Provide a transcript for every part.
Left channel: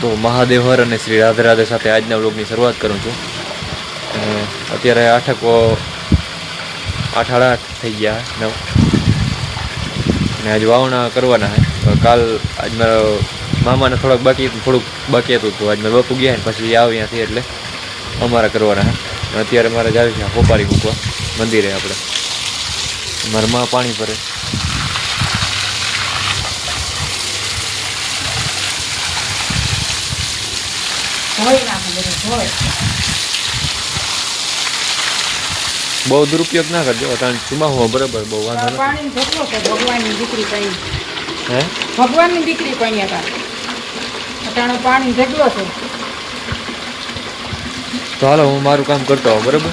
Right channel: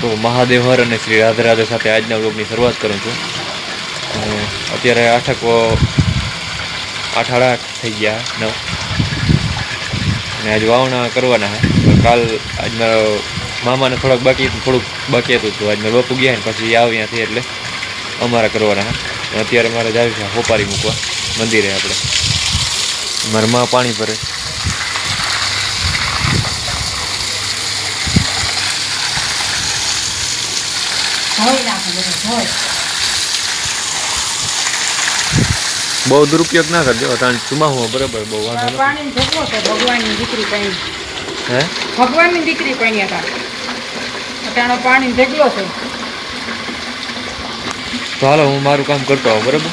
તો મહાદેવ હર અને શ્રી રાધે રાધે સાથે આજના વ્લોગની શરૂઆત કરું છું. અને અત્યારે 8:08 થઈ ગયા 9 અને આજ વાવણા કરવાના છે. તો કાલ આજ મારો મામાને થોડુંક બાકી હતું તો આજ મારા બાપુ ગયા ને પછી આવ્યા ત્યાંથી એટલે અમારા કરવાના છે. અત્યારે મારે જાય છે હોપારી મૂકવા મંદિરે. આપણે મારા માં પાણી ભરે. બહુ દુરુપયોગ ના કરજો. અટાણ ચુમાહું બરાબર બહુ વાંધો નથી. પાણી ઢોકલો છે ભગવાનની દીકરી પણ. હે ભગવાનની દીકરી પણ હતા. અટાણો પાણી ઢોકલો છે. તો હાલો હું મારું કામ કરતો હોઉં બરાબર.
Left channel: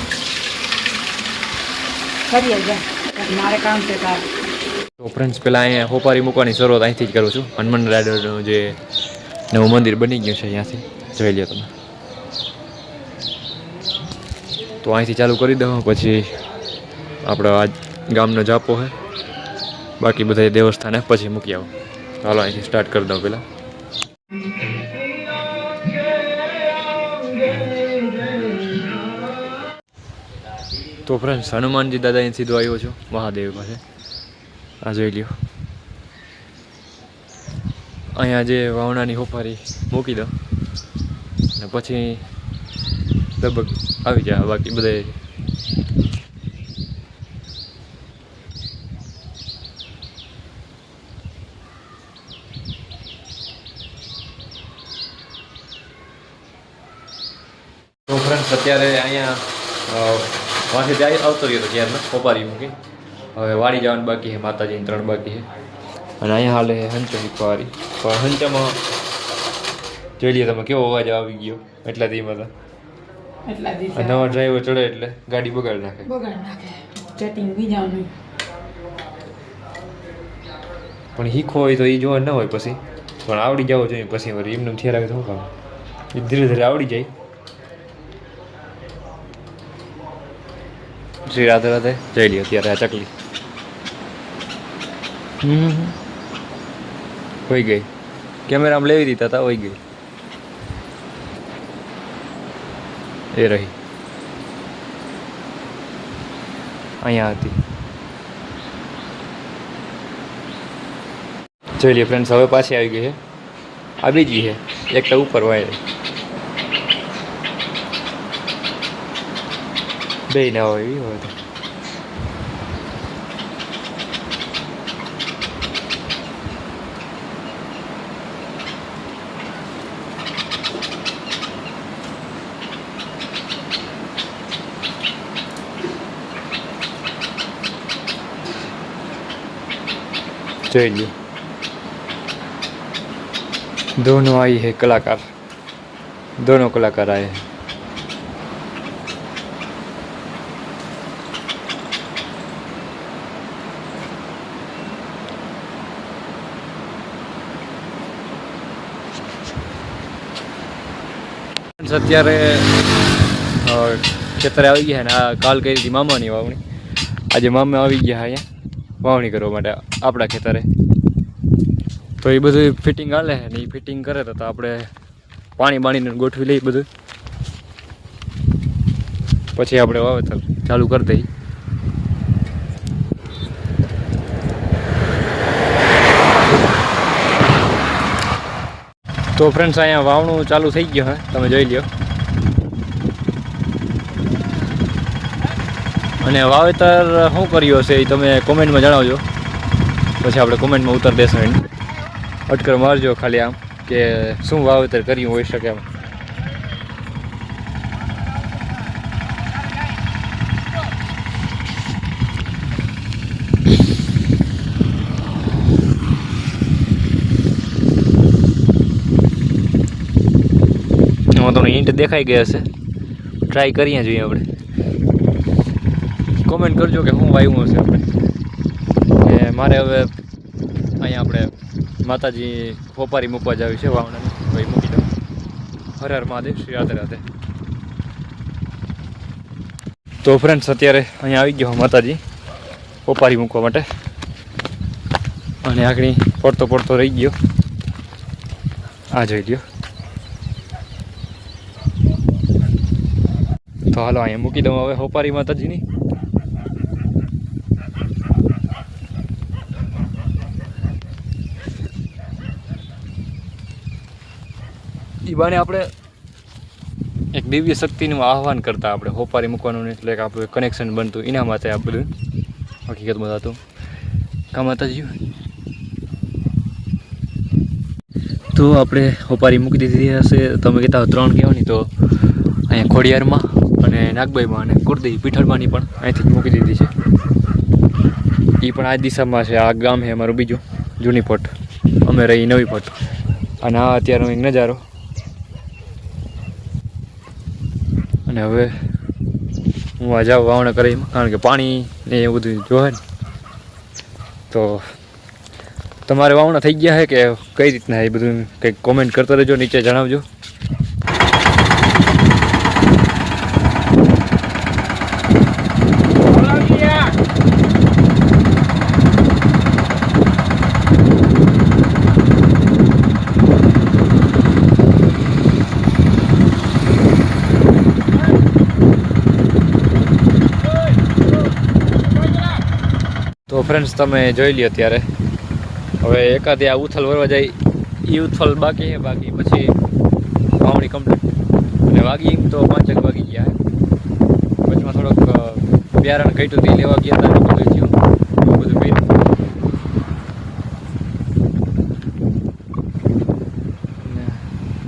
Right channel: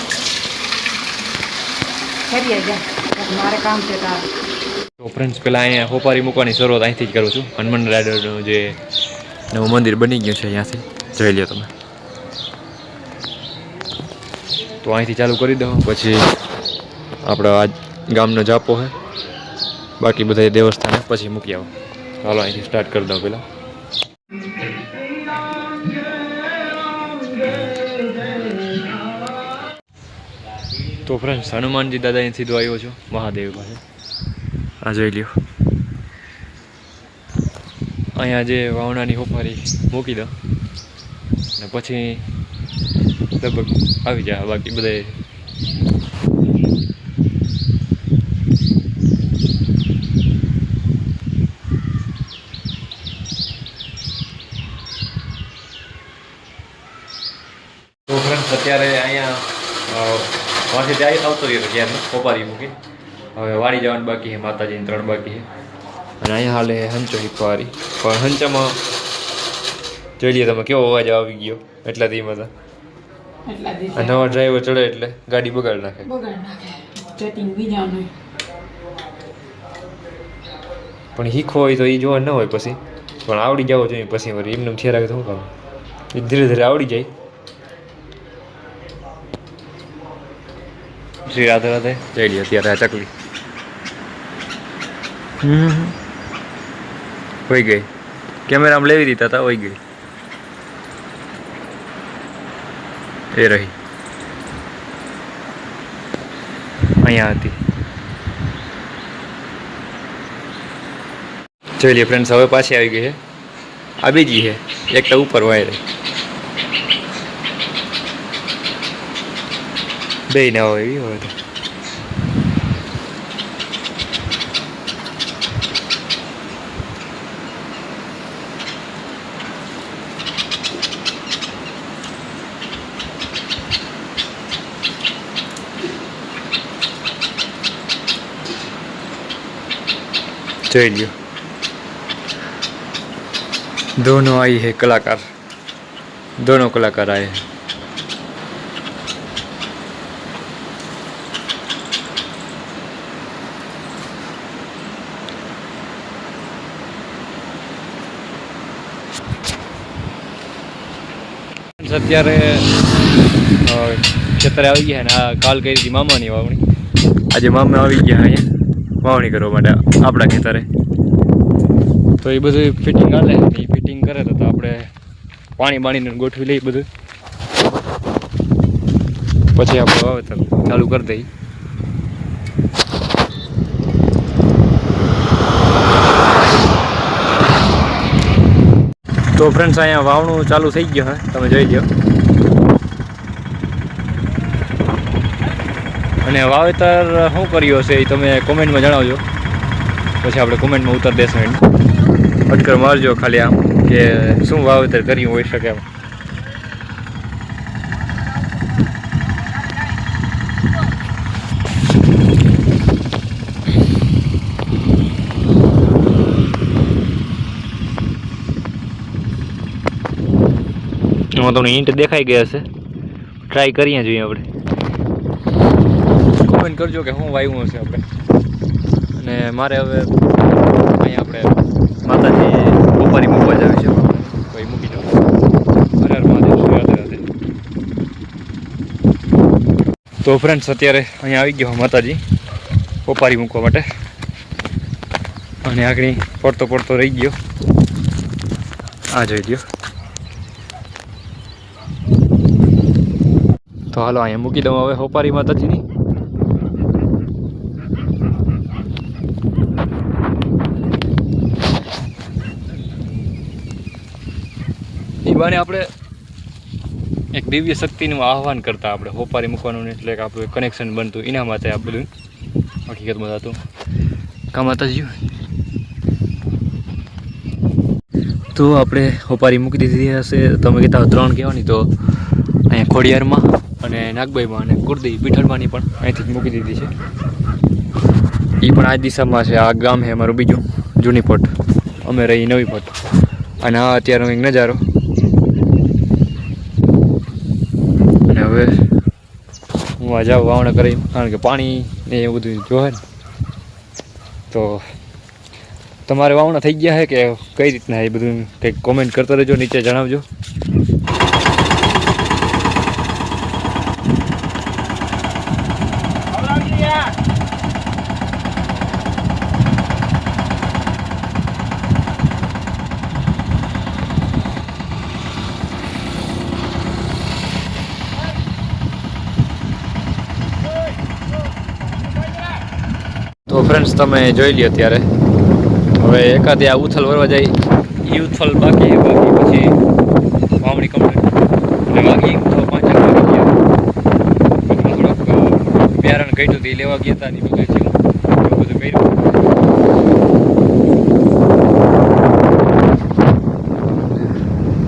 કરીએ જા મારે કામ છે તારે. તો ફ્રેન્ડ્સ પહેલાં અહીંયા હોપારી મૂકવાની શરૂઆત અહીંથી જ કરું છું. હનુમાન રાયડરનું જે નવું મંદિર બની ગયું છે અહીંયાથી જોઈ લો તમે. તો અહીંથી ચાલુ કરી દઉં પછી આપણો આ ગામનો જાપો છે. બાકી બધા દેવસ્થાને પછી મૂકી આવો. ચાલો અહીંથી સ્ટાર્ટ કરી દઉં પહેલાં. તો ફ્રેન્ડ્સ હનુમાનજી દાદા અહીં સીધો આવ્યો છું મહાદેવ પાસે. આ જોઈ લ્યો. અહીંયા જે વાવણાની હોપારી મૂકી દો ને પછી લગભગ આવી જાય. બાકી બધે તો ફ્રેન્ડ્સ અત્યારે અહીંયા વાંચે જાય આવતો રહ્યો ત્યારમાં હોપારી મૂકી. હવે વાળી જવાનું બાકી છે. માતાજીની 3 બાકી છે. અને અહીંયા હાલે હંચો શીખવાવાળી. પણ હંચામાં જોઈ લઈએ તમે કેવો અવાજ આવી ગયો. એટલા ધીમાં હતા. નવા ડ્રાઈવર ચડે એટલે ગાડી બગાડ નાખે. ચેટિંગ બીજાનું પણ શીખવો હોય તો એ જોવા ન હોય પછી. પણ આવડી જવો જોઈએ પછી. વળી એમને થયા રાખે તો શું કામ. એ ધીરે ધીરે આવડી જાય. શ્રી રાધે રાધે જઈ લ્યો. અત્યારે આ ચકલી હોઈ ગઈ. કેમેરામાં લેવી દીધા હતા હોઈ ગઈ. એ રહી અહીંયા હતી. જોઈ લઈએ ફ્રેન્ડ્સ. હવે પાછી આવી ગઈ છે. આ બીજી છે. એકટા ઉપર વાય બે ના હોય એવી હોય તો. જોઈ લ્યો. दोनों आई है कलाकार. दोनों कलाकार आए हैं. અત્યારે ખેતરે આવી ગયા ને આ કાલ કરી હતી મામાની વાવણી. આજે મામા આવી ગયા અહીંયા વાવણી કરવા માટે આપણા ખેતરે. તો એ બધું ફિટિંગ હાલે. એ ફિટિંગ કરે તો આપણે પાણી બાણીને ગોઠવી લઈએ બધું. પછી આપણે વાવેતર ચાલુ કરી દઈએ. તો ફ્રેન્ડ્સ અહીંયા વાવણું ચાલુ થઈ ગયું હે. તમે જોઈ લો. અને વાવેતર શું કર્યું હશે એ તમે કોમેન્ટમાં જણાવજો. પછી આપણે કોમેન્ટમાં ઉત્તર દેશું. એની અટકર મારજો ખાલી આમ કે શું વાવેતર કર્યું હોઈ શકે એમ. એમાં તમને હિન્ટ દેખાઈ ગયા હશે. ટ્રાય કરીએ જોઈએ આપણે. કોમેન્ટ કરજો કે શું વાવ્યું હશે આપણે. અને મારે હવે અહીંયા આપણે માતાજી હોપારી મૂકવા જ આવી છે. તો એ મૂકી દો. હર હર મહાદેવ. શ્રી રાધે રાધે. તો ફ્રેન્ડ્સ અત્યારે અહીંયા આવી ગયો માતાજી હોપારી મૂકવા માટે. અને આગળ પડતો રહી ગયો. આ જોઈ લ્યો. તો હાલો અહીંયા મૂકી દઉં હવે હોપારી માતાજીની. એ બાને આપણે એક દિવ્ય શક્તિનું આહ્વાન કરતા આપણે હોપારી મૂકવાનું એટલે કે આપણું કનેક્શન બનતું એના માટે આ બધું હકીકતમાં થતું. કા માતાજી તો આપણે હોપારી મૂકી દીધી હશે. તમે કહેતા 3 કહેવાની તો અહીંયા ખોડિયારમાં અને નાગબાઈમાં અને કુર્દી પીઠળમાંની પણ અહીંથી જ મૂકી દીધી છે. એ પણ આ દિશામાં છે. આ ગામ છે અમારું બીજું જૂની પટ, અમે રહી નવી પટ. અને આ અત્યારનો એક નજારો. અને હવે હું આ જાઉં વાવણા કરી, કારણ કે પાણી ને એવું બધું જોવે ને. તો તમારે વાવણા થઈ ગયા છે કે કઈ રીતના એ બધું કંઈક કોમેન્ટ કરતા રહેજો, નીચે જણાવજો. તો ફ્રેન્ડ્સ તમે જોઈ લ્યો ત્યારે હવે એકાદ આ ઉથલ વરવા જાય એ ઉથલ બાકી છે. બાકી પછી વાવણી કમ્પ્લીટ એટલે વાગી તો 5 વાગી ગયા. વચમાં થોડોક બિયારણ ઘટ્યું તે લેવા ગયા હતા. એવું બધું કર્યું.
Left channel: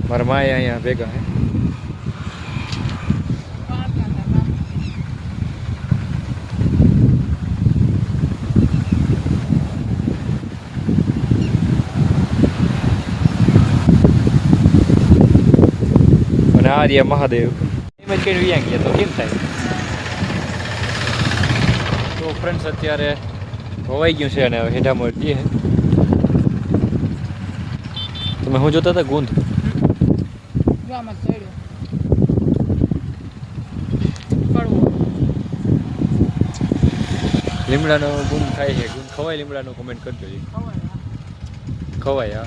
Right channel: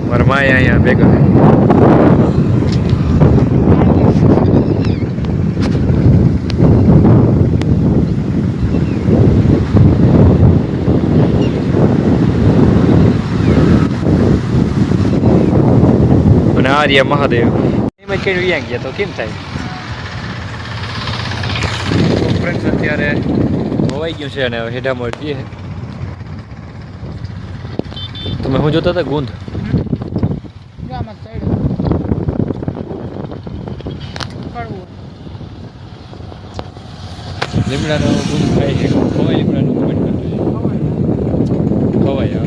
મારા માએ અહીંયા ભેગા અને આર્ય મહાદેવ એમ જ કઈ વ્યાંગ ગયા તો કેમ થાય. તો ફ્રેન્ડ્સ અત્યારે ધોવાઈ ગયું છે અને હવે હેઠામાં જઈએ. તમે શું જોતા હતા? ગુંદ લીમડાનો ગુંદ થાય છે. ખવાય લીમડાનું કોમેન્ટ કરજો. ખવાય.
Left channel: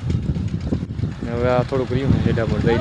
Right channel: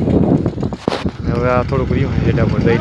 હવે આ થોડુંક રહ્યું હેઠામાં દઈ